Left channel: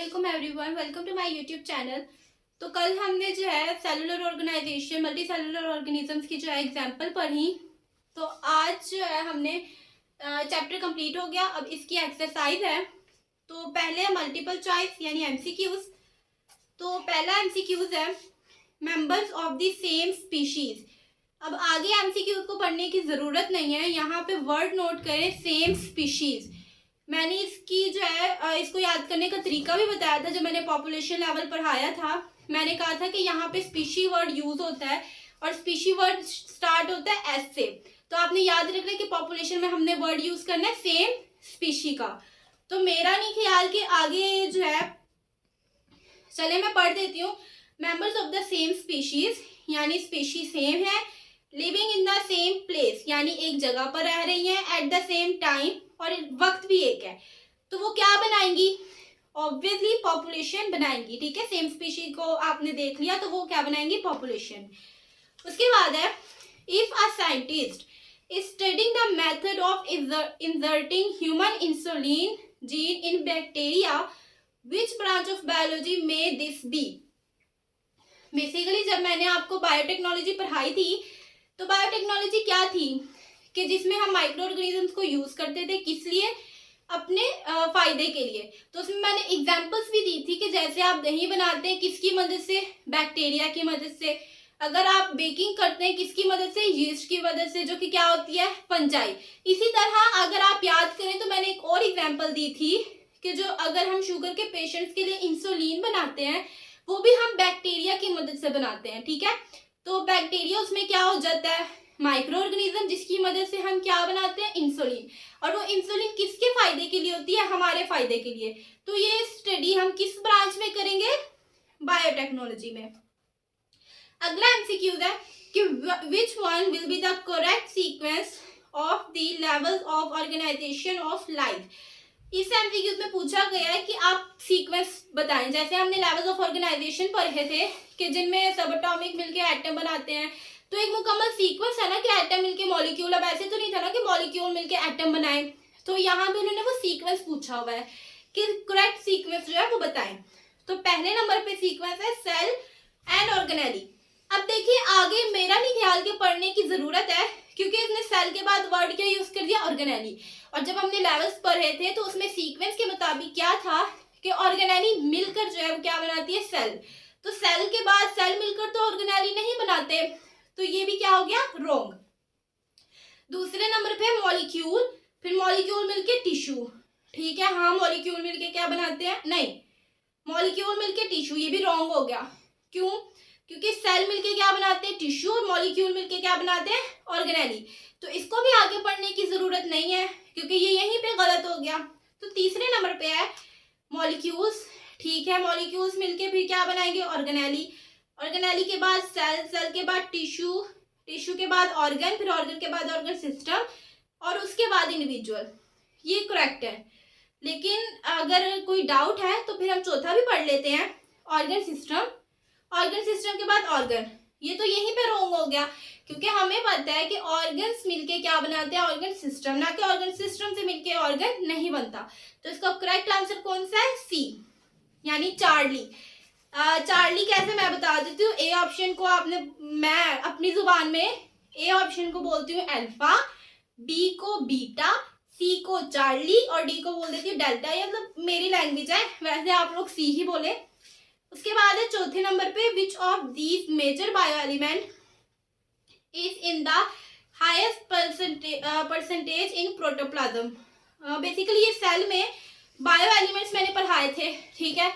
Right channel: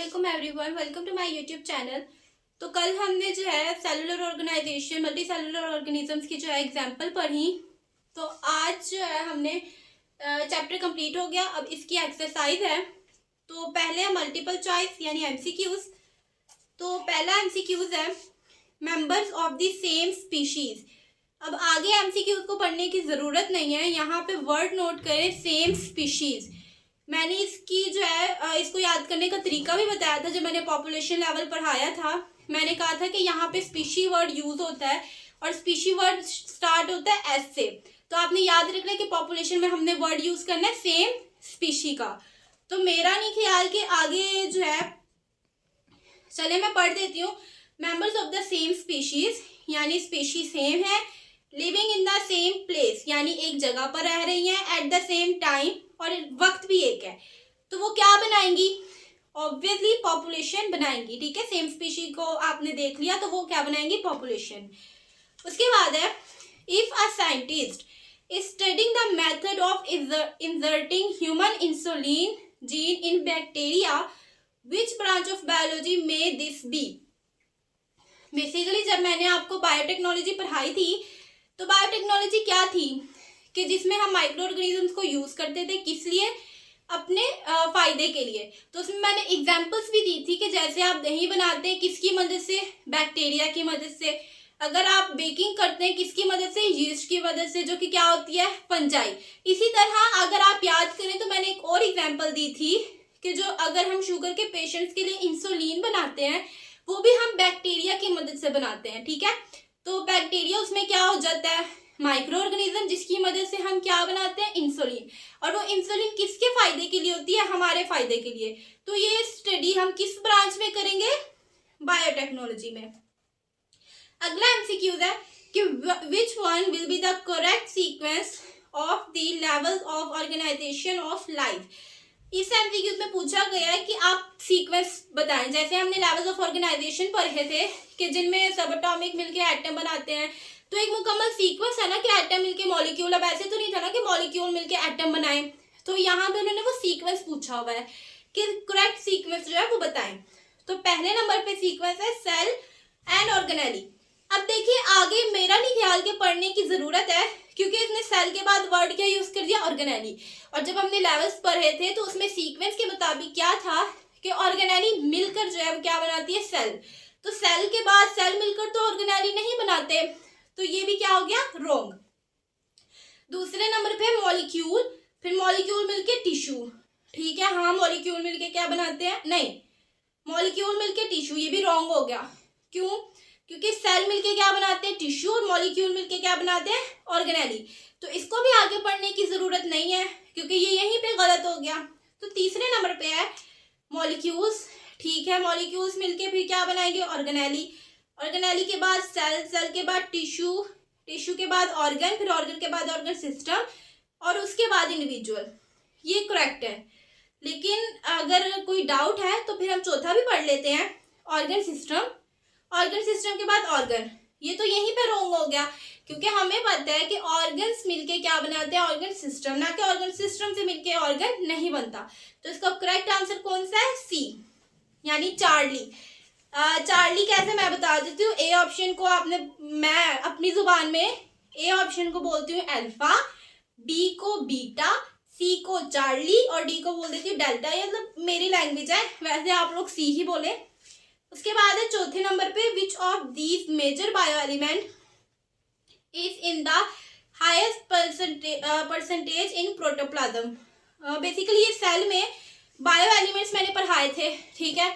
वालेकुम everyone, welcome to my YouTube channel. तो कल हमने जो है cellular organisation multi cellular organisms की जो है एग्जांपल पढ़ी। तो आज जो है हमने चैप्टर कंप्लीट हो गया। अब इसकी एक्सरसाइज है। तो पहले मल्टीपल चॉइस यानी एमसीक्यूज। तो पहला एमसीक्यूज है members of the same species. अब आगे एमसीक्यूज को पढ़ने की ज़रूरत नहीं है, यहाँ पे वर्ड नोट करें सेम स्पीशीज। मैंने इसकी जो है इसको याद करने का तरीका भी बताया था जब मैंने पॉपुलेशन लेवल पढ़ाया था। मैंने कहा था कि यहाँ पे स्पीशी वर्ड यूज होता है और स्पीशी वर्ड स्टार्ट होता है एस से। तो आपने याद रखना है कि पॉपुलेशन में हमने वर्ड यूज करना है सेम स्पीशी का। तो मेरा नहीं ख्याल कि आगे जो है, चले मैं पढ़ देती हूँ। Members of the same species यानी स्पीशी सेम है, living in the same place यानी एक जगह पर रह रही हैं, एट द सेम टाइम और वक्त भी एक है। तो वो क्या बनाएंगी? ऑब्वियसली पॉपुलेशन बनाएंगी। ठीक है, सेम स्पीशी को आपने देख लिया तो वो क्या बनाएंगी? पॉपुलेशन। उसके बाद है if a scientist is studying the method of inserting human insulin gene in bacteria, which branch of biology may this be. Basically जब मैंने आपको बायोटेक्नोलॉजी पढ़ाई थी तो बायोटेक्नोलॉजी क्या थी कि जिसमें हम माइक्रो ऑर्गेनिजम्स को यूज करते थे, किस लिए? अपने फायदे के लिए। तो उसमें मैंने एग्जांपल्स भी दी थी कि जैसे आप दही बनाते हैं किसकी मदद से? बैक्टीरिया की मदद से। अगर आप बेकिंग करते हैं किसकी मदद से? यीस्ट की मदद से, जो कि क्या होती है? फंजाई। इसी तरह अगर आप याद करें तो मैंने एक और एग्जाम्पल दी थी कि जो अगर हम शुगर के पेशेंट्स के लिए इंसुलिन बनाते हैं वो भी हम बैक्टीरिया की मदद से बनाते हैं। ठीक है, तो बैक्टीरिया उसमें क्या हो जाता है? माइक्रो ऑर्गेनिज्म, जिसकी मदद से हम क्या बनाते हैं? इंसुलिन। और वो इंसुलिन किसके फायदे के लिए होती है? हमारे फायदे के लिए। तो ये स्टडी हम किस ब्रांच में करेंगे? बायोटेक्नोलॉजी में। अगला एमसीक्यू है कि which one will be the correct sequence of the levels of organisation of life. इस एमसीक्यू में पूछा गया है कि आप सीक्वेंस बताएं। जैसे हमने लेवल्स ऑफ ऑर्गेनाइजेशन पढ़े थे कि जिनमें सब एटॉमिक मिलके एटम बनाते हैं, तो एक मुकम्मल सीक्वेंस है ना कि एटम मिलके मॉलिक्यूल। अब ऐसे तो नहीं था ना कि मॉलिक्यूल मिलके एटम बनाए। तो यहाँ पे उन्होंने वो सीक्वेंस पूछा हुआ है कि करेक्ट सीक्वेंस जो है वो बताएं। तो पहले नंबर पे सीक्वेंस है सेल एंड ऑर्गेनेली। अब देखिए आगे मेरा नहीं ख्याल के पढ़ने की जरूरत है क्योंकि इसने सेल के बाद वर्ड क्या यूज कर दिया? ऑर्गेनेली। और जब हमने लेवल्स पढ़े थे तो उसमें सीक्वेंस के मुताबिक क्या था कि ऑर्गेनेली मिलकर जो है वो क्या बनाती है? सेल। तो सेल के बाद सेल मिलकर तो ऑर्गेनेली नहीं बनाते, तो ये भी क्या हो गया? रॉन्ग। दूसरे नंबर पे मॉलिक्यूल, फिर मॉलिक्यूल मिलके टिश्यू। ठीक है, हाँ मॉलिक्यूल मिलके क्या बनाते हैं? नहीं, मॉलिक्यूल मिलके टिश्यू, ये भी रॉन्ग हो गया। क्यों? क्योंकि सेल मिलके क्या बनाते हैं? टिश्यू। और मॉलिक्यूल मिलके क्या बनाते हैं? ऑर्गेनेली। तो इसको भी आगे पढ़ने की जरूरत नहीं है क्योंकि ये यहीं पे गलत हो गया। तो तीसरे नंबर पे है मॉलिक्यूल्स। ठीक है, मॉलिक्यूल्स मिलके फिर क्या बनाएंगे? ऑर्गेनेली। ऑर्गेनेली के बाद सेल, सेल के बाद टिश्यू, टिश्यू के बाद ऑर्गन, फिर ऑर्गन के बाद ऑर्गन सिस्टम और उसके बाद इंडिविजुअल। ये करेक्ट है। लेकिन अगर कोई डाउट है तो फिर हम चौथा भी पढ़ लेते हैं, ऑर्गन सिस्टम। ऑर्गन सिस्टम के बाद ऑर्गन। ये तो यहीं पे रॉन्ग हो गया क्योंकि हमें पता है कि ऑर्गन्स मिलके क्या बनाते हैं? ऑर्गन सिस्टम, ना कि ऑर्गन सिस्टम से मिलके ऑर्गन नहीं बनता। तो इसका करेक्ट आंसर कौन सा है? सी यानी चार्ली। चार्ली कैसे मैं बता देती हूँ। ए ऑप्शन को आपने, मैं अपनी जुबान में ए ऑप्शन को बोलती हूँ अल्फा, बी को बीटा, सी को चार्ली और डी को बोल देती हूँ डेल्टा। ये मतलब मेरी लैंग्वेज है, वैसे आप लोग सी ही बोले। उसके बाद है चौथे नंबर पे which of these major bio element is in the highest percentage in protoplasm. Basically ये सेल में बायो एलिमेंट्स मैंने पढ़ाए थे। ठीक है,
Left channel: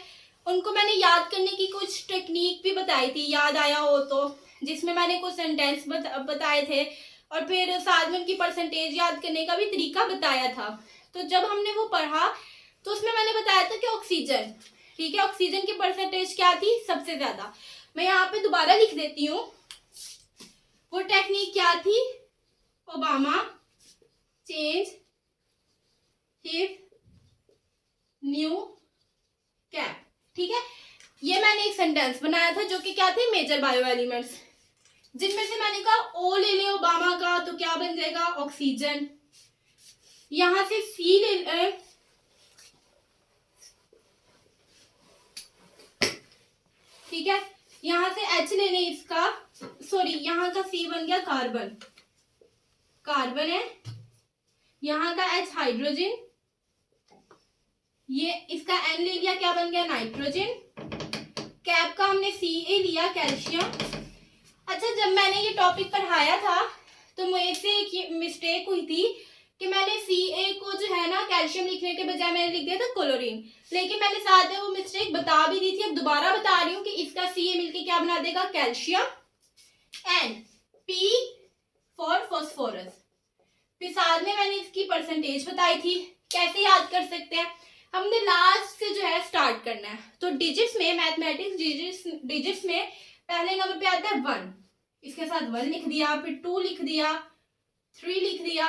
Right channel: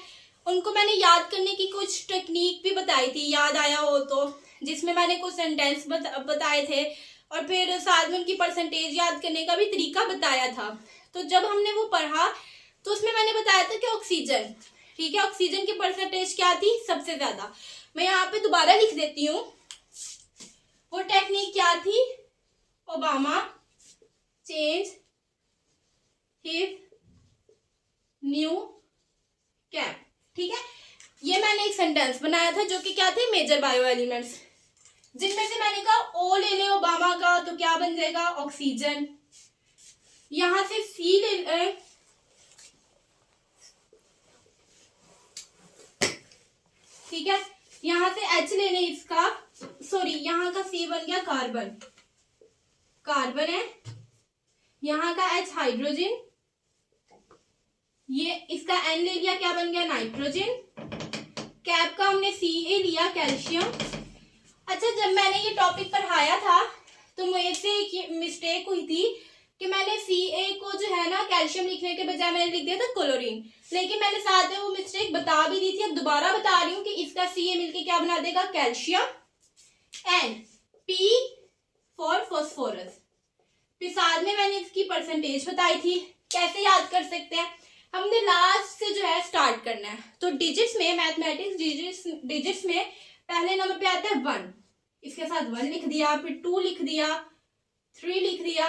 उनको मैंने याद करने की कुछ टेक्निक भी बताई थी, याद आया हो तो, जिसमें मैंने कुछ सेंटेंस बताए थे और फिर साथ में उनकी परसेंटेज याद करने का भी तरीका बताया था। तो जब हमने वो पढ़ा तो उसमें मैंने बताया था कि ऑक्सीजन, ठीक है, ऑक्सीजन की परसेंटेज क्या थी? सबसे ज्यादा। मैं यहाँ पे दोबारा लिख देती हूँ वो टेक्निक क्या थी? Obama change his new cap. ठीक है, ये मैंने एक सेंटेंस बनाया था जो कि क्या थे? मेजर बायो एलिमेंट्स, जिनमें से मैंने कहा ओ ले ले ओबामा का तो क्या बन जाएगा? ऑक्सीजन। यहां से सी ले ठीक है, यहाँ से H लेने इसका, सॉरी यहाँ का C बन गया कार्बन, कार्बन है, यहाँ का H हाइड्रोजन, ये इसका N ले लिया, क्या बन गया नाइट्रोजन, कैप का हमने Ca लिया कैल्शियम। अच्छा, जब मैंने ये टॉपिक पढ़ाया था तो मेरे से एक मिस्टेक हुई थी कि मैंने Ca को जो है ना कैल्शियम लिखने के बजाय मैंने लिख दिया था क्लोरीन, लेकिन मैंने साथ में वो मिस्टेक बता भी दी थी, अब दोबारा बता रही हूँ कि इसका Ca मिलके क्या बना देगा calcium, and P for phosphorus. फिर साथ में मैंने इसकी परसेंटेज बताई थी, कैसे याद कर सकते हैं, हमने लास्ट से जो है स्टार्ट करना है। तो डिजिट्स में, मैथमेटिक्स डिजिट्स में पहले नंबर पे आता है 1, इसके साथ 1 लिख दिया, फिर 2 लिख दिया, 3 लिख दिया।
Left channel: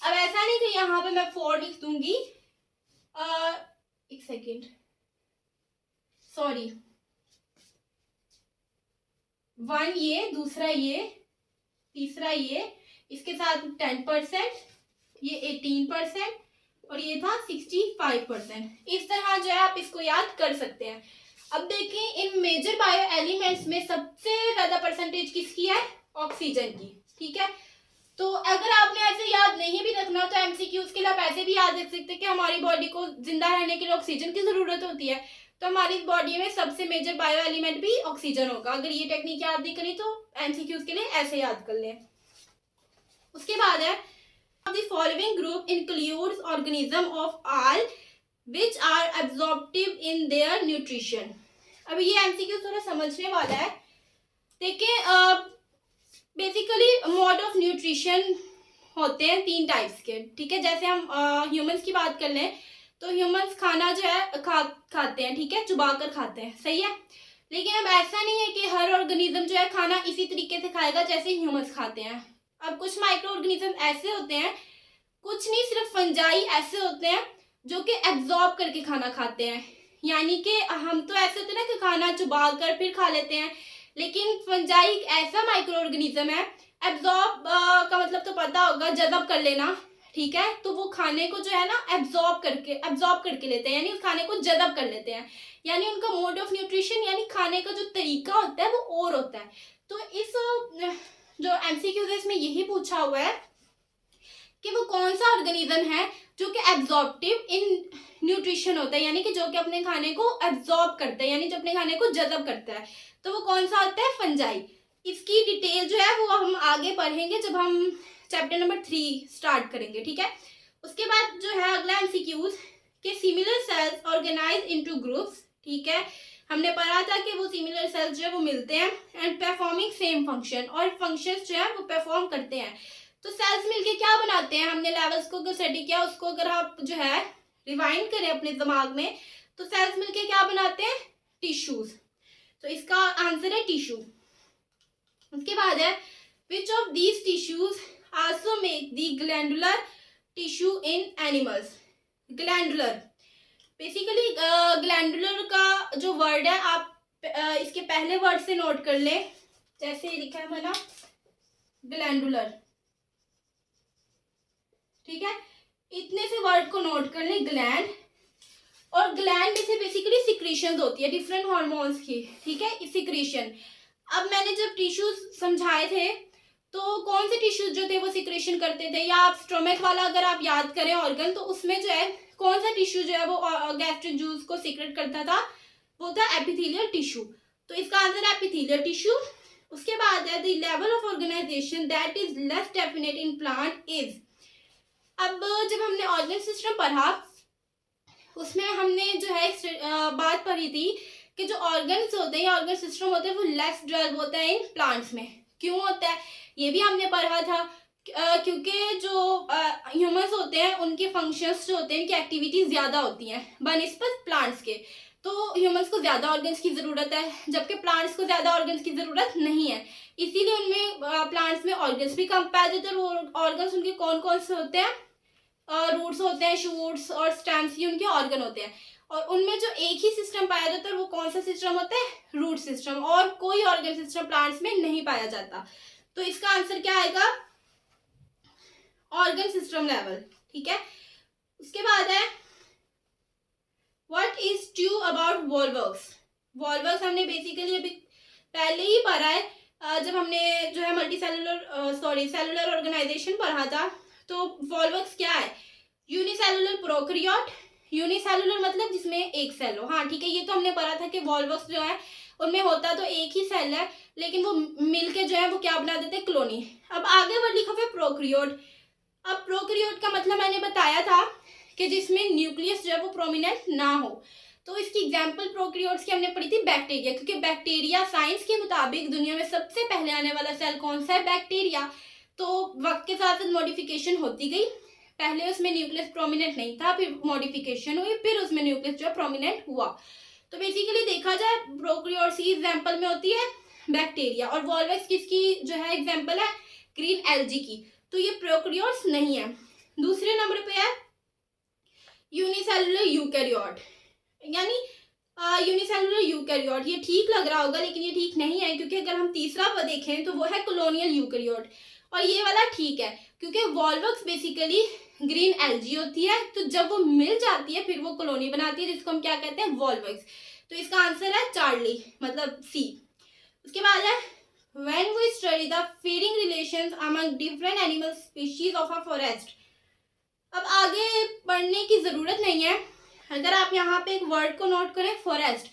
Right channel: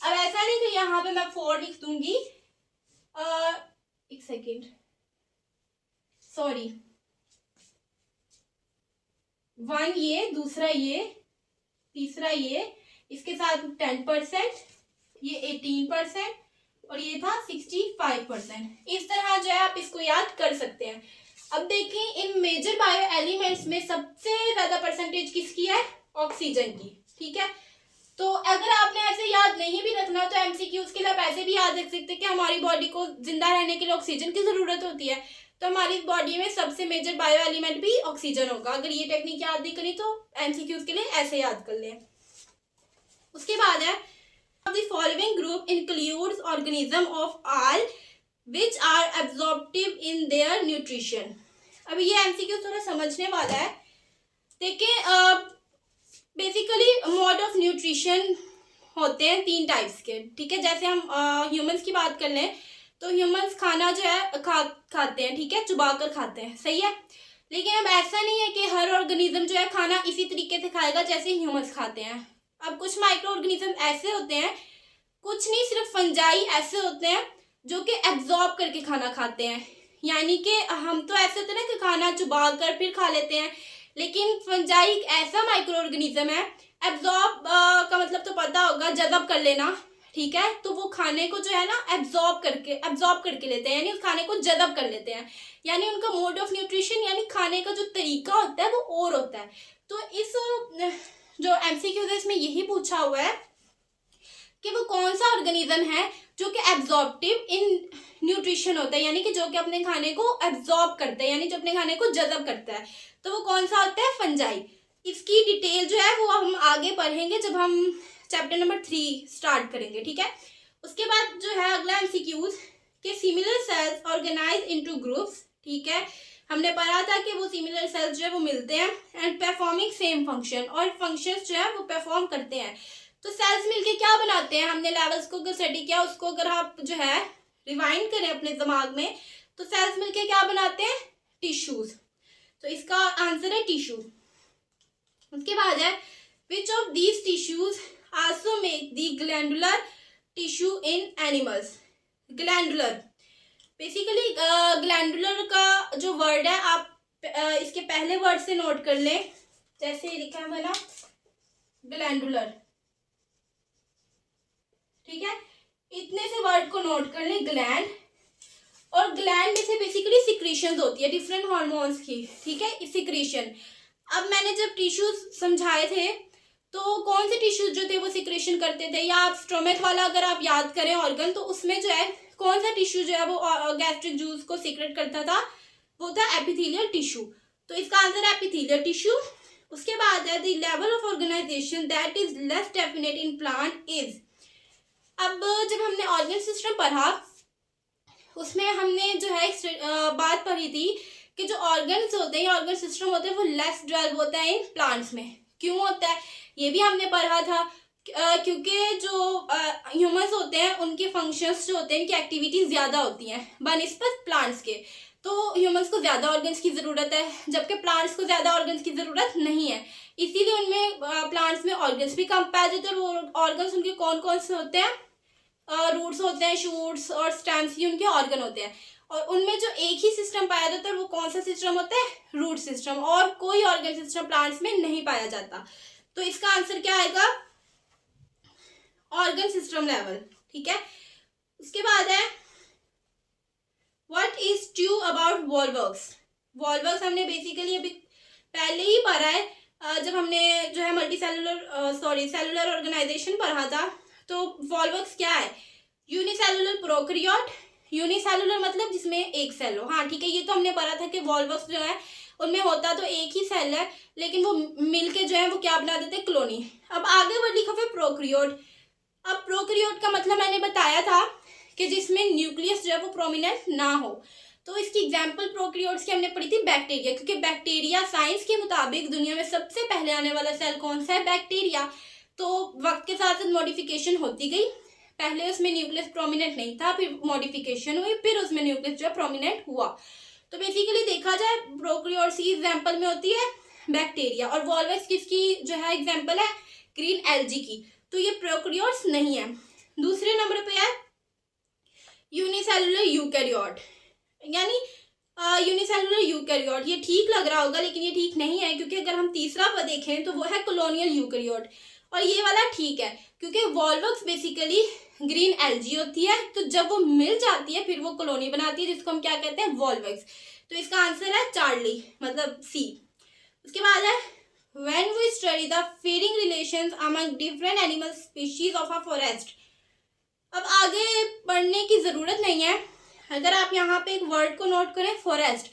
अब ऐसा नहीं कि यहाँ पे मैं 4 लिख दूंगी, एक सेकेंड, सॉरी, 1 ये, दूसरा ये, तीसरा ये, इसके साथ 10%, ये 18% और ये था 65%। इस तरह जो है आप इसको याद कर सकते हैं। अब देखिए इन मेजर बायो एलिमेंट्स में सबसे ज्यादा परसेंटेज किसकी है, ऑक्सीजन की, ठीक है। तो अगर आपने ऐसे याद नहीं भी रखना तो एमसीक्यूज के लिए आप ऐसे भी याद रख सकते हैं कि हमारी बॉडी को जिंदा रहने के लिए ऑक्सीजन की जरूरत होती है, तो हमारी बॉडी में सबसे मेजर बायो एलिमेंट भी ऑक्सीजन होगा। अगर ये टेक्निक याद नहीं करी तो एमसीक्यूज के लिए ऐसे याद कर लें। उसके बाद है the following group includes organism of all which are absorptive in their nutrition। अब ये एमसीक्यू थोड़ा समझने वाला है। देखिए बेसिकली मोड ऑफ न्यूट्रिशन होते हैं 3 टाइप्स के, ठीक है। जैसे हम ह्यूमंस की बात कर लें तो ह्यूमंस खाना जो है खाते हैं, ठीक है, चुबा कर खाते हैं, सही है। लेकिन अब ऐसा नहीं है कि हर ऑर्गेनिज्म जो है खाना इसी तरीके से खाएगा जैसे ह्यूमंस खाते हैं। अब कुछ माइक्रो ऑर्गेनिज्म ऐसे होते हैं, कुछ नहीं सिर्फ फंजाई ऐसे होते हैं जो कि एब्जॉर्ब करके खाना खाते हैं। यानी कि हम तो ऐसे होते हैं ना कि खाना चुबा कर फिर खा लेते हैं, लेकिन फंजाई एक ऐसा माइक्रो ऑर्गेनिज्म है, एब्जॉर्ब का मतलब तो पता होगा, जज़ब कर लेना, ठीक है। तो वो खाने को जो है ना एब्जॉर्ब करके लेते हैं, यानी उस खाने को जज़ब कर लेते हैं। यानी उनका मोड ऑफ न्यूट्रिशन यानी खाने का जो तरीका होता है वो और होता है। तो इस जो एमसीक्यू है इसमें यही पूछा हुआ है कि वो कौन सा ऑर्गेनिज्म है जो कि एब्जॉर्प्टिव इन न्यूट्रिशन होता है, यानी कि जो कि अपने खाने को एब्जॉर्ब करता है, यानी जो अपने खाने को जज़ब करता है। तो वो कौन सा होता है, फंजाई। इसकी डिटेल जो है वो हम आगे पढ़ेंगे जब हम चैप्टर नंबर 3 स्टार्ट करेंगे, ठीक है। उसके बाद जो है अगला एमसीक्यूज कि similar cells organise into groups, ठीक है। हमने पढ़ा था कि वो सिमिलर सेल्स जो है वो मिलते हैं एंड परफॉर्मिंग सेम फंक्शन, और फंक्शंस जो है वो परफॉर्म करते हैं। तो सेल्स मिलके क्या बनाते हैं, हमने लेवल्स को अगर स्टडी किया, उसको अगर आप जो है रिवाइंड करें अपने दिमाग में, तो सेल्स मिलके क्या बनाते हैं, टिश्यूज। तो इसका आंसर है टिश्यू। उसके बाद है विच of these tissues also make the glandular tissue in animals. Glandular basically glandular का जो वर्ड है आप इसके पहले वर्ड से नोट कर लें, जैसे लिखा है मैंने ग्लैंडुलर, ठीक है। इतने से वर्ड को नोट कर लें, ग्लैंड। और ग्लैंड में से बेसिकली सिक्रीशंस होती है डिफरेंट हार्मोन्स की, ठीक है, सिक्रीशन। अब मैंने जब टिश्यूज समझाए थे तो कौन से टिश्यूज जो थे वो सिक्रीशन करते थे, या आप स्टोमक वाला अगर आप याद करें ऑर्गन, तो उसमें जो है कौन सा टिश्यू जो है वो गैस्ट्रिक जूस को सीक्रेट करता था, वो था एपिथेलियल टिश्यू। तो इसका आंसर है एपिथेलियल टिश्यू। उसके बाद है the level of organisation that is less definite in plant is. अब जब हमने ऑर्गन सिस्टम पढ़ा उसमें हमने जो है बात पढ़ी थी कि जो ऑर्गन्स होते हैं, ऑर्गन सिस्टम होते हैं, वो लेस डेवलप होता है इन प्लांट्स में। क्यों होता है ये भी हमने पढ़ा था, क्योंकि जो ह्यूमंस होते हैं उनके फंक्शंस जो होते हैं, इनकी एक्टिविटीज ज़्यादा होती हैं बनिस्बत प्लांट्स के। तो ह्यूमंस को ज़्यादा ऑर्गन्स की ज़रूरत है, जबकि प्लांट्स को ज़्यादा ऑर्गन्स की ज़रूरत नहीं है। इसीलिए उनमें प्लांट्स में ऑर्गन्स भी कम पाए जाते हैं। वो ऑर्गन्स उनके कौन कौन से होते हैं, रूट्स होते हैं, शूट्स और स्टेम्स, ये उनके ऑर्गन होते हैं। और उनमें जो एक ही सिस्टम पाया जाता है वो कौन सा सिस्टम होता है, रूट सिस्टम। और कोई ऑर्गन सिस्टम प्लांट्स में नहीं पाया जाता। तो इसका आंसर क्या आएगा, ऑर्गन सिस्टम लेवल, ठीक है। उसके बाद है what is true about Volvox. Volvox हमने बेसिकली अभी पहले ही पढ़ा है, जब हमने जो है सेलुलर ऑर्गेनाइजेशन पढ़ा था। तो वॉल्वक्स क्या है? Unicellular prokaryote. यूनिसेलुलर मतलब जिसमें एक सेल हो। हाँ ठीक है, ये तो हमने पढ़ा था कि वॉल्वक्स जो है उनमें होता तो एक ही सेल है, लेकिन वो मिलके जो है वो क्या बना देते हैं? कॉलोनी। अब आगे वर्ड लिखा हुआ है प्रोकैरियोट। अब प्रोकैरियोट का मतलब मैंने बताया था कि जिसमें न्यूक्लियस जो है वो प्रोमिनेंट ना हो। तो इसकी एग्जांपल प्रोकैरियोट्स की हमने पढ़ी थी बैक्टीरिया, क्योंकि बैक्टीरिया साइंस के मुताबिक दुनिया में सबसे पहले आने वाला सेल कौन सा है? बैक्टीरिया। तो वक्त के साथ मॉडिफिकेशन होती गई, पहले उसमें न्यूक्लियस प्रोमिनेंट नहीं था, फिर मॉडिफिकेशन हुई, फिर उसमें न्यूक्लियस जो है प्रोमिनेंट हुआ। तो बेसिकली देखा जाए प्रोकैरियोट्स की एग्जांपल में होती है बैक्टीरिया, और वॉल्वक्स किसकी जो है एग्जांपल है? ग्रीन एल्गी की। तो ये प्रोकैरियोट्स नहीं है। दूसरे नंबर पे है यूनिसेलुलर यूकैरियोट, यानी यूनिसेलुलर यूकैरियोट। ये ठीक लग रहा होगा लेकिन ये ठीक नहीं है, क्योंकि अगर हम तीसरा पर देखें तो वो है कॉलोनियल यूकैरियोट, और ये वाला ठीक है क्योंकि वॉल्वक्स बेसिकली ग्रीन एल्गी होती है, तो जब वो मिल जाती है फिर वो कॉलोनी बनाती है, जिसको हम क्या कहते हैं? वॉल्वक्स। तो इसका आंसर है चार्ली, मतलब सी। उसके बाद है when we study the feeding relations among different animal species of a forest। अब आगे पढ़ने की जरूरत नहीं है, अगर आप यहाँ पे एक वर्ड को नोट करें फॉरेस्ट,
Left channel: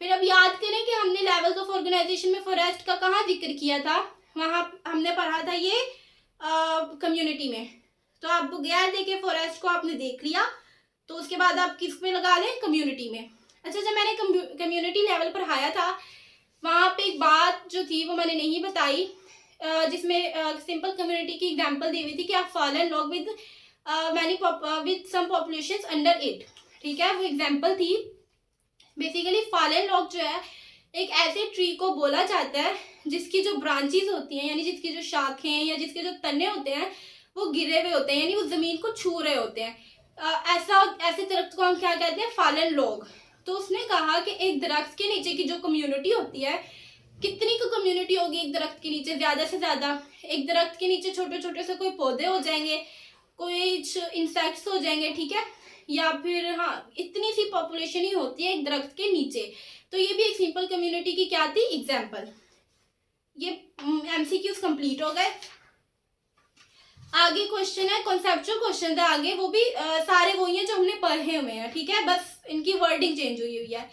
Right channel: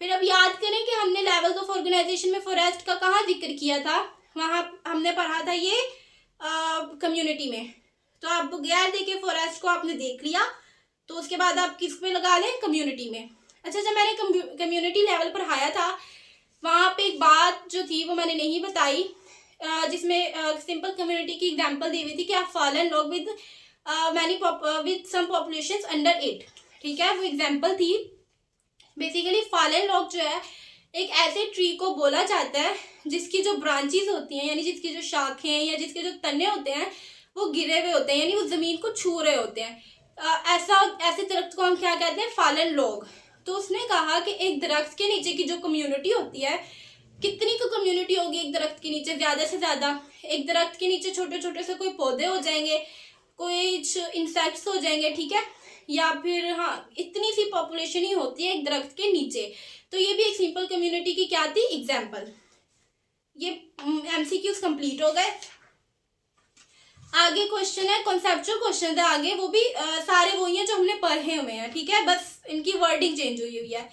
फिर अब याद करें कि हमने लेवल्स ऑफ ऑर्गेनाइजेशन में फॉरेस्ट का कहाँ जिक्र किया था? वहां हमने पढ़ा था ये कम्युनिटी में। तो आप गैर देखे फॉरेस्ट को आपने देख लिया, तो उसके बाद आप किस में लगा लें? कम्युनिटी में। अच्छा, जब मैंने कम्युनिटी लेवल पर आया था वहां पे एक बात जो थी वो मैंने नहीं बताई, जिसमें सिंपल कम्युनिटी की एग्जांपल दी हुई थी कि आप fallen log with with some populations under 8। ठीक है, वो एग्जांपल थी। बेसिकली फॉलन लॉग जो है एक ऐसे ट्री को बोला जाता है जिसकी जो ब्रांचेस होती हैं, यानी जिसकी जो शाखें या जिसके जो तने होते हैं वो गिरे हुए होते हैं, यानी वो जमीन को छू रहे होते हैं। ऐसे दरख्त को हम क्या कहते हैं? Fallen log. तो उसने कहा कि एक दरख्त के नीचे की जो कम्युनिटी होती है, कितनी को कम्युनिटी होगी एक दरख्त के नीचे? ज्यादा से ज्यादा एक दरख्त के नीचे छोटे छोटे से कोई पौधे हो जाएंगे, कोई इंसेक्ट्स हो जाएंगे, ठीक है, या फिर हाँ इतनी सी पॉपुलेशन ही होती है एक दरख्त के नीचे। तो ये भी एक सिंपल कम्युनिटी की क्या थी? एग्जाम्पल। ये एमसीक्यूज कंप्लीट हो गए। आगे क्वेश्चन है, कॉन्सेप्चुअल क्वेश्चन है आगे, वो भी सारे वही हैं जो हमने पढ़े हुए हैं, ठीक है, बस इनकी वर्डिंग चेंज हुई हुई है।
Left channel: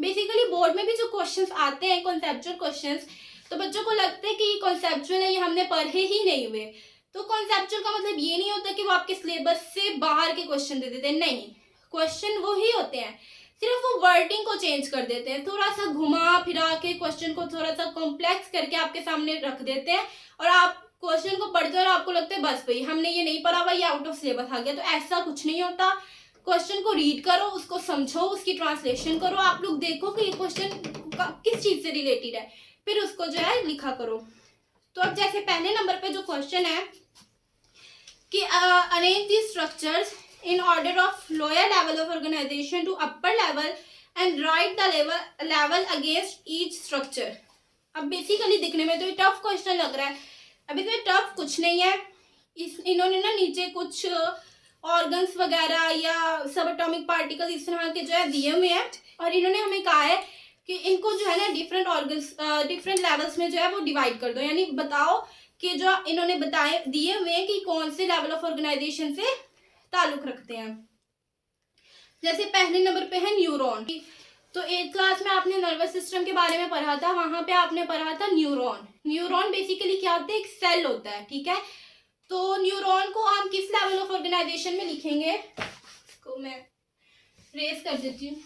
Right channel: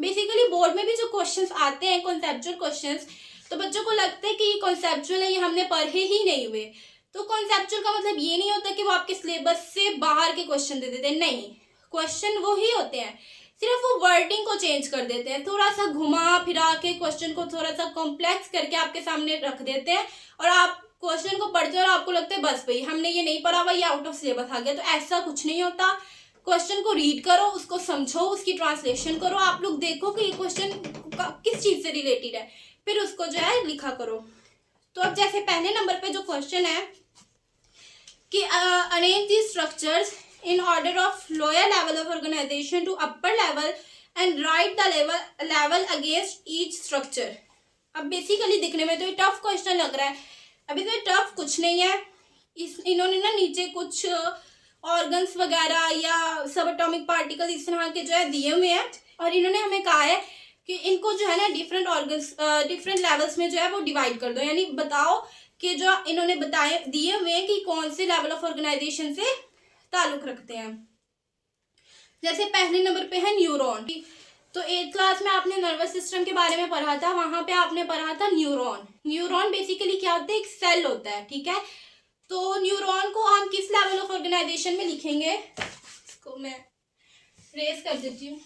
बेसिकली बोर्ड में भी जो क्वेश्चंस आते हैं कॉन्सेप्चुअल क्वेश्चंस, तो बच्चों को लगता है कि ये कॉन्सेप्चुअल है, ये हमने पढ़े ही नहीं हुए। तो कॉन्सेप्चुअल का मतलब ये नहीं होता कि वो आपके सिलेबस से बाहर के क्वेश्चन दे देते हैं, नहीं, क्वेश्चन वो ही होते हैं, सिर्फ वो वर्डिंग को चेंज कर देते हैं, थोड़ा सा घुमा फिरा के क्वेश्चन को थोड़ा सा कॉम्प्लेक्स करके आपके सामने रख देते हैं, और आप क्वेश्चन को पढ़ते हो और आपको लगता है बस भाई हमने ये नहीं पढ़ा हुआ, ये आउट ऑफ सिलेबस आ गया। तो ऐसा कुछ नहीं होता। क्वेश्चन को रीड करो, उसको समझो, उसकी ट्रांसलेशन करो, आप लोग देखो कि ये क्वेश्चन किस चीज से रिलेटेड है, फिर उसको जो है लिखा करो। तो अब जैसे पहले नंबर पे जो क्वेश्चन है कि arrange the structures in order of lower level of organization to upper level and write the level against each structure। अब बेसिकली दिखने में तो ये टफ क्वेश्चन लग रहा है, अभी तो ये टफ कुछ नहीं है। इन्होंने ना नीचे कुछ ऑर्गन्स वगैरह या सब एटॉमिक पार्टिकल इस तरह के जो है दिए हुए हैं, और इन्होंने हमें कहा है कि इनको जो है ना डिफरेंट ऑर्गन्स डिफरेंट लेवल्स में जो है वो डिवाइड कर दो, यानी बताओ कि जो इन्होंने बताए दिए हुए हैं कि कौन से लेवल ऑफ ऑर्गेनाइजेशन से ताल्लुक रखते हैं। जैसे पहले नंबर पे है न्यूरॉन। तो 8th क्लास में आपने नर्वस सिस्टम के बारे में पढ़ा था, वहां पे आपने पढ़ा था न्यूरॉन। न्यूरॉन बेसिकली क्या होता है? एक सेल होता है, ठीक है। तो न्यूरॉन को हम किस लेवल ऑफ ऑर्गेनाइजेशन में लिखेंगे? इसको मैं रेस कर देती हूँ।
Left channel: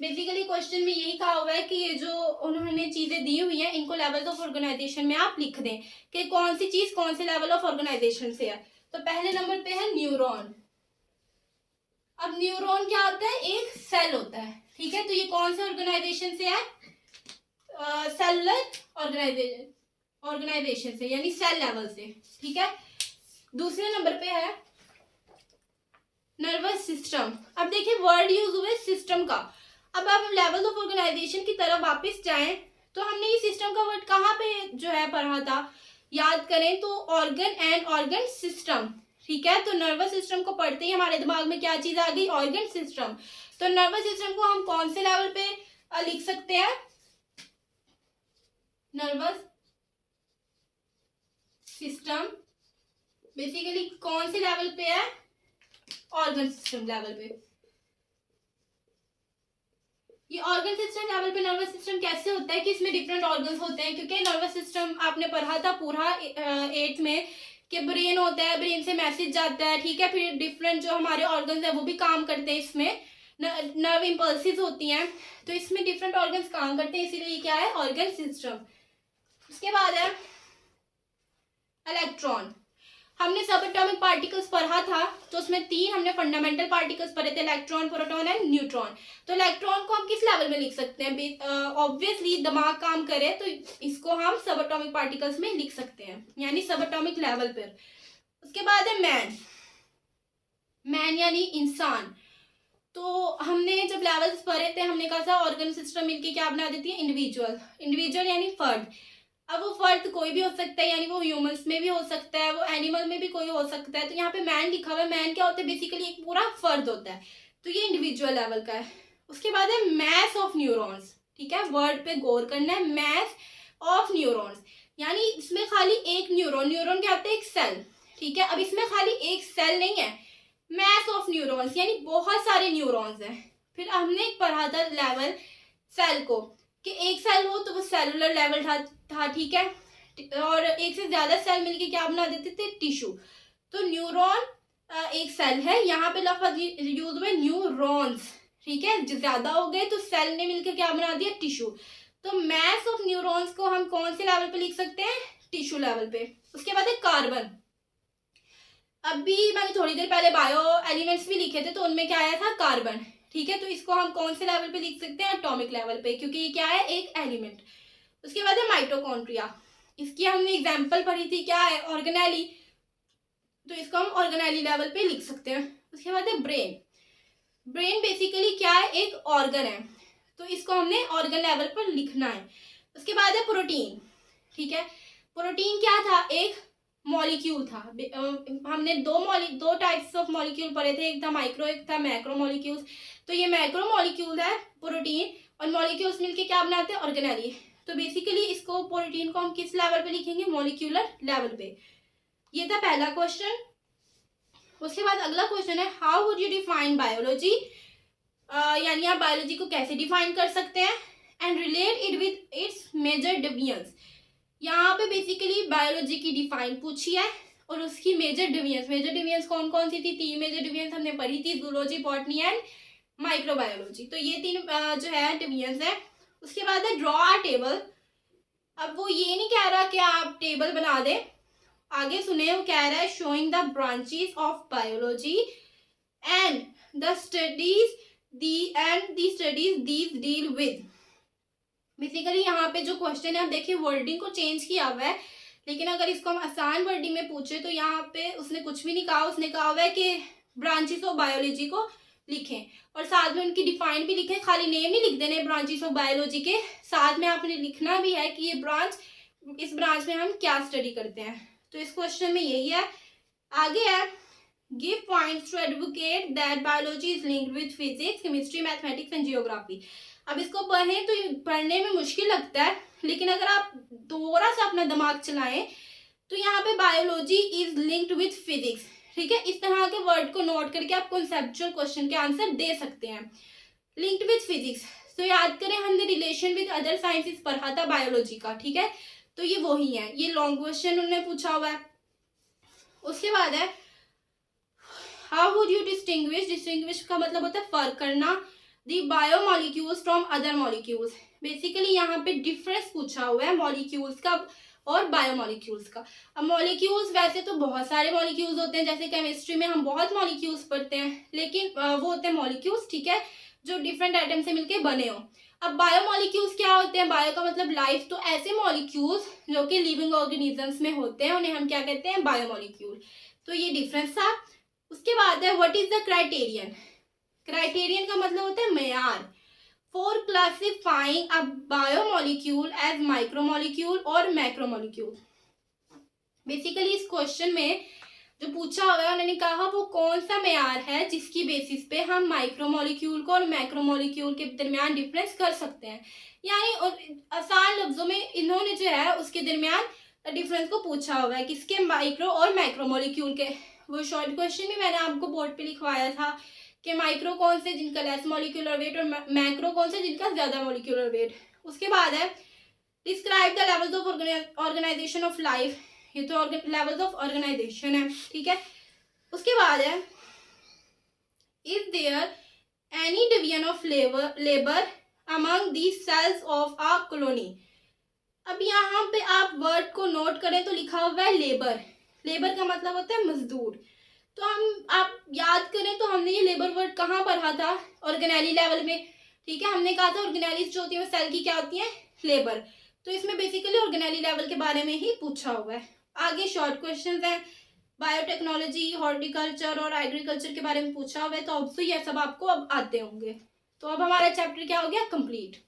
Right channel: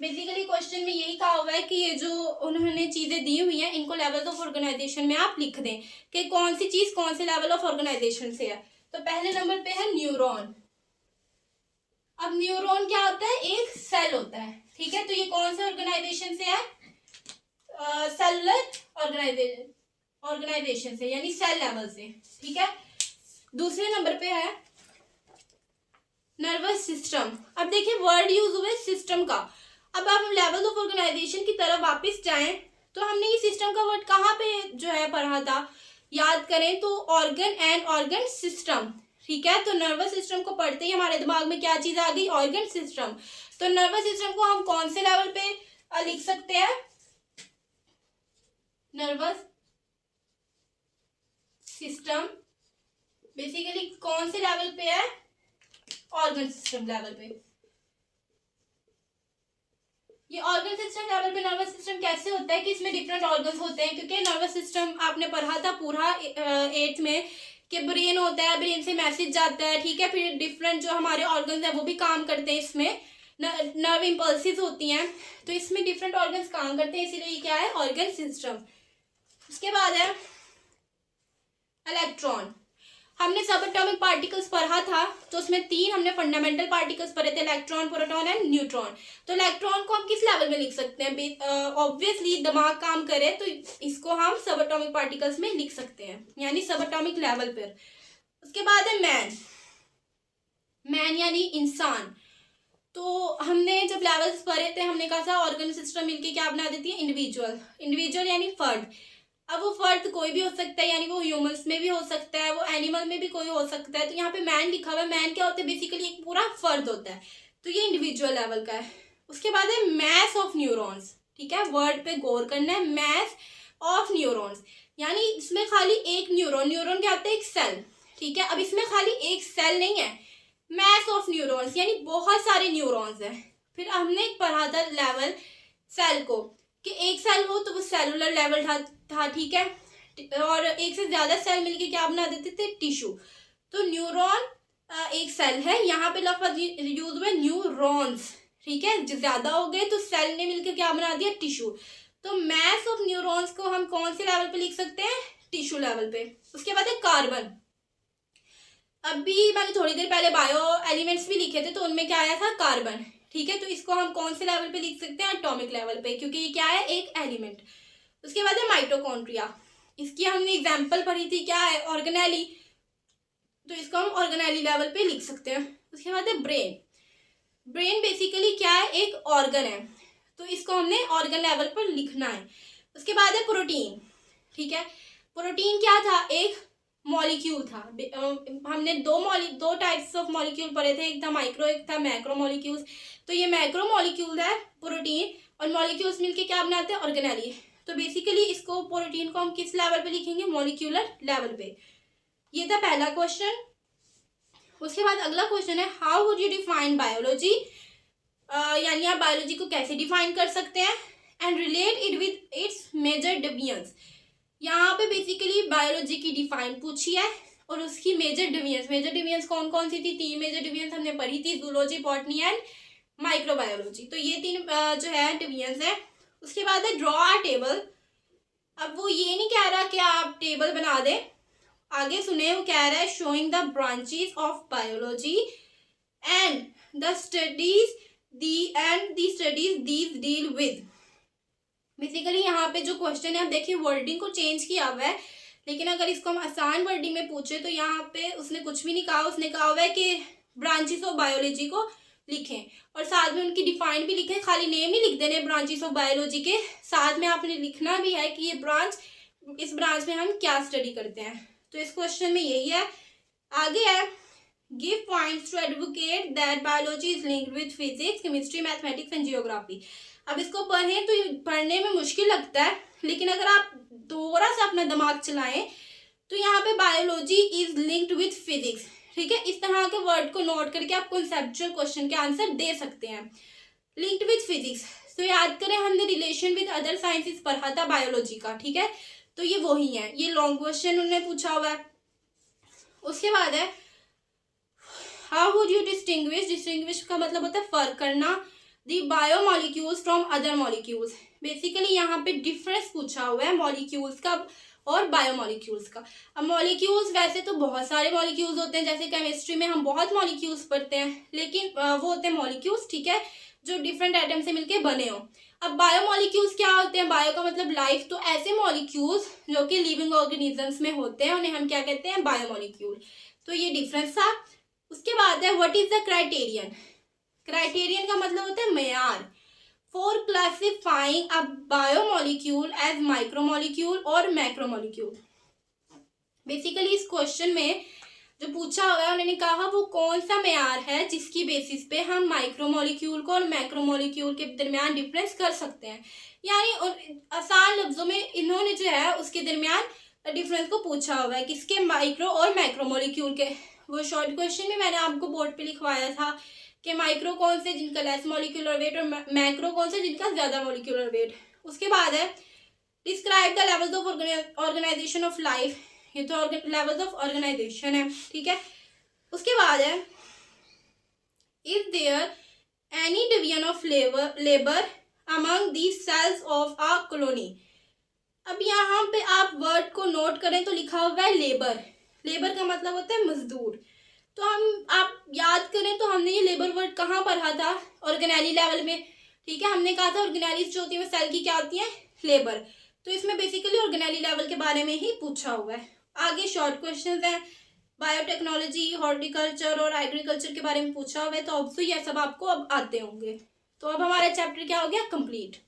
बेसिकली क्वेश्चन में यही कहा हुआ है कि ये जो उन्होंने चीजें दी हुई हैं इनको लेवल ऑफ ऑर्गेनाइजेशन में आप लिख दें कि कौन सी चीज कौन से लेवल ऑफ ऑर्गेनाइजेशन से है। तो पहले नंबर पे है न्यूरॉन। अब न्यूरॉन क्या होता है? एक सेल होता है, ठीक है। तो ये कौन से ऑर्गेनाइजेशन से है? सेलुलर ऑर्गेनाइजेशन से, यानी सेल लेवल से, ठीक है। दूसरे नंबर पे है नर्वस सिस्टम। अब देखिए वर्ड यूज हुए सिस्टम का। अब आप लेवल ऑफ ऑर्गेनाइजेशन की तरफ वापस जाएं तो हमने ये सिस्टम का वर्ड कहाँ पे जो है पढ़ा था? याद करें तो ऑर्गन एंड ऑर्गन सिस्टम, ठीक है। तो नर्वस सिस्टम को पढ़ते ही हमारे दिमाग में क्या चीज आ गई? Organ system. तो नर्वस सिस्टम को हम कौन से लेवल पे लिख सकते हैं? नर्वस सिस्टम बेसिकली कौन से लेवल पे है? ऑर्गन सिस्टम लेवल पे। ये ऑर्गन सिस्टम लेवल पे नर्वस सिस्टम कैसे होता है कि इसमें डिफरेंट ऑर्गन्स होते हैं, क्योंकि नर्वस सिस्टम आपने पढ़ा था पूरा 8th में कि ब्रेन होता है, ब्रेन से मैसेज जाता है, ठीक है, फिर डिफरेंट जो हमारे ऑर्गन्स है वो भी काम करते हैं, इसमें नर्व इम्पल्सिस होती हैं, तो इसमें डिफरेंट ऑर्गन्स काम करते हैं, इसीलिए क्या है? Organ system. उसके बाद है इलेक्ट्रॉन। हमने सब एटॉमिक पार्टिकल्स पढ़ा था, तो उसमें 3 हमने फंडामेंटल पार्टिकल्स पढ़े थे, इलेक्ट्रॉन, प्रोटॉन एंड न्यूट्रॉन। तो इलेक्ट्रॉन को हम किस लेवल में लिख सकते हैं? ऑब्वियसली दिमाग काम करे तो इसको हम सब एटॉमिक पार्टिकल्स में लिख सकते हैं, यानी सब एटॉमिक लेवल पर। उसके बाद है मैन। मैन यानी इंसान। तो हमने जब लेवल्स पढ़े थे, हमने कहा था ऑर्गन सिस्टम मिलके क्या बना देती है? इंडिविजुअल। इंडिविजुअल यानी फर्द। अब वो फर्द कोई भी हो सकता है, यानी वो ह्यूमंस में भी हो सकता है, वो एनिमल में भी कोई हो सकता है। तो यहाँ पे मैन लिखा हुआ है, मैन क्या होता है? बेसिकली एक पूरा फर्द होता है, तो ये इंडिविजुअल लेवल का है। उसके बाद है मैस ऑफ न्यूरॉन्स, ठीक है, वर्ड पे गौर करना है, मैस ऑफ न्यूरॉन्स, यानी इसमें खाली एक न्यूरॉन, न्यूरॉन क्या होता है? एक सेल, ठीक है। अब इसमें खाली एक सेल नहीं है, मैस ऑफ न्यूरॉन्स यानी बहुत सारे न्यूरॉन्स हैं। फिर हमने पढ़ा था लेवल सेल को कि एक सेल हो तो वो सेलुलर लेवल था, ठीक है, और एक से ज्यादा सेल मिलके क्या बना देते थे? टिश्यू। तो न्यूरॉन एक सेल है, यहाँ पे लफ्ज यूज हुए न्यूरॉन्स, ठीक है, ज्यादा हो गए तो सेल ने मिलकर क्या बना दिया? टिश्यू। तो मैस ऑफ न्यूरॉन्स को हम कौन से लेवल पे लिख सकते हैं? टिश्यू लेवल पे। उसके बाद है कार्बन। अभी मैंने थोड़ी देर पहले बायो एलिमेंट्स भी लिखे थे, तो उनमें क्या आया था? कार्बन, ठीक है। तो इसको हम कौन से लेवल पे लिख सकते हैं? एटॉमिक लेवल पे, क्योंकि ये क्या है? एक एलिमेंट। उसके बाद है माइटोकॉन्ड्रिया। इसकी हमने एग्जांपल पढ़ी थी, क्या है? ऑर्गेनेली। तो इसको हम ऑर्गेनेली लेवल पे लिख सकते हैं। उसके बाद है ब्रेन। ब्रेन बेसिकली क्या है? एक ऑर्गन है, तो इसको हमने ऑर्गन लेवल पर लिखना है। उसके बाद है प्रोटीन, ठीक है। प्रोटीन क्या था? एक मॉलिक्यूल था। हमने दो टाइप्स ऑफ मॉलिक्यूल पढ़े थे, एक था माइक्रो, एक था मैक्रो मॉलिक्यूल्स। तो ये मैक्रो मॉलिक्यूल है प्रोटीन, और मॉलिक्यूल्स मिलके क्या बनाते हैं? ऑर्गेनेली। तो बेसिकली इसको प्रोटीन को हम किस लेवल पे लिखेंगे? मॉलिक्यूलर लेवल पे। ये था पहला क्वेश्चन। उसके बाद अगला क्वेश्चन है how would you define biology, यानी आप बायोलॉजी को कैसे डिफाइन कर सकते हैं? And relate it with its major divisions. यहाँ पे बेसिकली बायोलॉजी की डिफाइन पूछी है और उसकी मेजर डिविजन्स कौन कौन सी थी? 3 मेजर डिविजन्स हमने पढ़ी थी, जूलॉजी, बॉटनी एंड माइक्रोबायोलॉजी। तो ये 3 जो है डिविजन्स है। उसके बाद है ड्रॉ अ टेबल। अब वो ये नहीं कह रहा कि आप टेबल बना दें, आगे सुने, वो कह रहा है showing the branches of biology and the studies these deal with. Basically यहाँ पे जो क्वेश्चन है, आप देखिए वर्डिंग को चेंज किया हुआ है, लेकिन अगर इसको हम आसान वर्डिंग में पूछे तो यहाँ पे उसने कुछ भी नहीं कहा। उसने कहा हुआ है कि ब्रांचेस ऑफ बायोलॉजी को लिखें और साथ में उनकी डिफाइन भी लिखें। खाली नेम नहीं लिख देने ब्रांचेस ऑफ बायोलॉजी के, साथ में आपने लिखना भी है कि ये ब्रांच, इस ब्रांच में हम क्या स्टडी करते हैं। तो इस क्वेश्चन में यही है। आगे है give points to advocate that biology is linked with physics, chemistry, mathematics and geography. अब इसको पढ़ें तो पढ़ने में मुश्किल लगता है, लेकिन अगर आप थोड़ा सा अपना दिमाग चलाएं तो यहाँ पे biology is linked with physics, ठीक है। इस तरह के वर्ड को नोट करके आप कॉन्सेप्चुअल क्वेश्चन के आंसर दे सकते हैं। लिंक्ड विद फिजिक्स, तो याद करें हमने रिलेशन विद अदर साइंसेस पढ़ा था बायोलॉजी का, ठीक है। तो ये वही है, ये लॉन्ग क्वेश्चन उन्होंने पूछा हुआ है। उसके बाद है हाउ वुड यू डिस्टिंग्विश का मतलब होता है फर्क करना, the biomolecules from other molecules. Basically यहाँ पे डिफरेंस पूछा हुआ है मॉलिक्यूल्स का और बायोमॉलिक्यूल्स का। अब मॉलिक्यूल्स वैसे तो बहुत सारे मॉलिक्यूल्स होते हैं, जैसे केमिस्ट्री में हम बहुत मॉलिक्यूल्स पढ़ते हैं, लेकिन वो होते हैं मॉलिक्यूल्स, ठीक है, जो डिफरेंट आइटम से मिलके बने हो। अब बायोमॉलिक्यूल्स क्या होते हैं? बायो का मतलब लाइफ, तो ऐसे मॉलिक्यूल्स जो कि लिविंग ऑर्गेनिजम्स में होते हैं उन्हें हम क्या कहते हैं? बायोमॉलिक्यूल। तो ये डिफरेंस था। उसके बाद है what is the criterion. Criterion का मतलब होता है मेयार for classifying a biomolecule as micromolecule और मैक्रोमॉलिक्यूल। बेसिकली इस क्वेश्चन में जो पूछा होगा उन्होंने कहा वो कौन सा मेयार है जिसकी बेसिस पे हम माइक्रोमोलिक्यूल को और मैक्रोमोलिक्यूल के दरमियान डिफरेंस कर सकते हैं। यानी आसान लफ्जों में इन्होंने जो है उसके दरमियान डिफरेंस को पूछा हुआ है, किसके, माइक्रो और मैक्रोमोलिक्यूल के। वो शॉर्ट क्वेश्चन में मैंने आपको बोर्ड पे लिखवाया था कि माइक्रो कौन से जिनका लेस मॉलिक्यूलर वेट और मैक्रो कौन से जिनका ज़्यादा मॉलिक्यूलर वेट। उसके बाद है describe the levels of organisation of life, ये तो लेवल्स ऑफ ऑर्गेनाइजेशन है, ठीक है। उसके बाद है is there any division of labour among the cells of a colony. अब यहाँ पे आप वर्ड को नोट करें तो लिखा हुआ है लेबर। लेबर का मतलब होता है मजदूर। तो हम आप याद करें तो हमने ये लेबर वर्ड कहाँ पढ़ा था, ऑर्गेनेली लेवल में, ठीक है। हमने कहा था ऑर्गेनेलीज जो होती है सेल की क्या होती है, लेबर। तो इसमें बेसिकली ऑर्गेनेली लेवल के बारे में ही पूछा हुआ है। आगे शॉर्ट क्वेश्चंस हैं, बायोटेक्नोलॉजी, हॉर्टिकल्चर और एग्रीकल्चर के बारे में पूछा हुआ है, तो ऑब्वियसली ये सब आपको अब आते होंगे। तो अब हमारा चैप्टर क्या हो गया, कंप्लीट।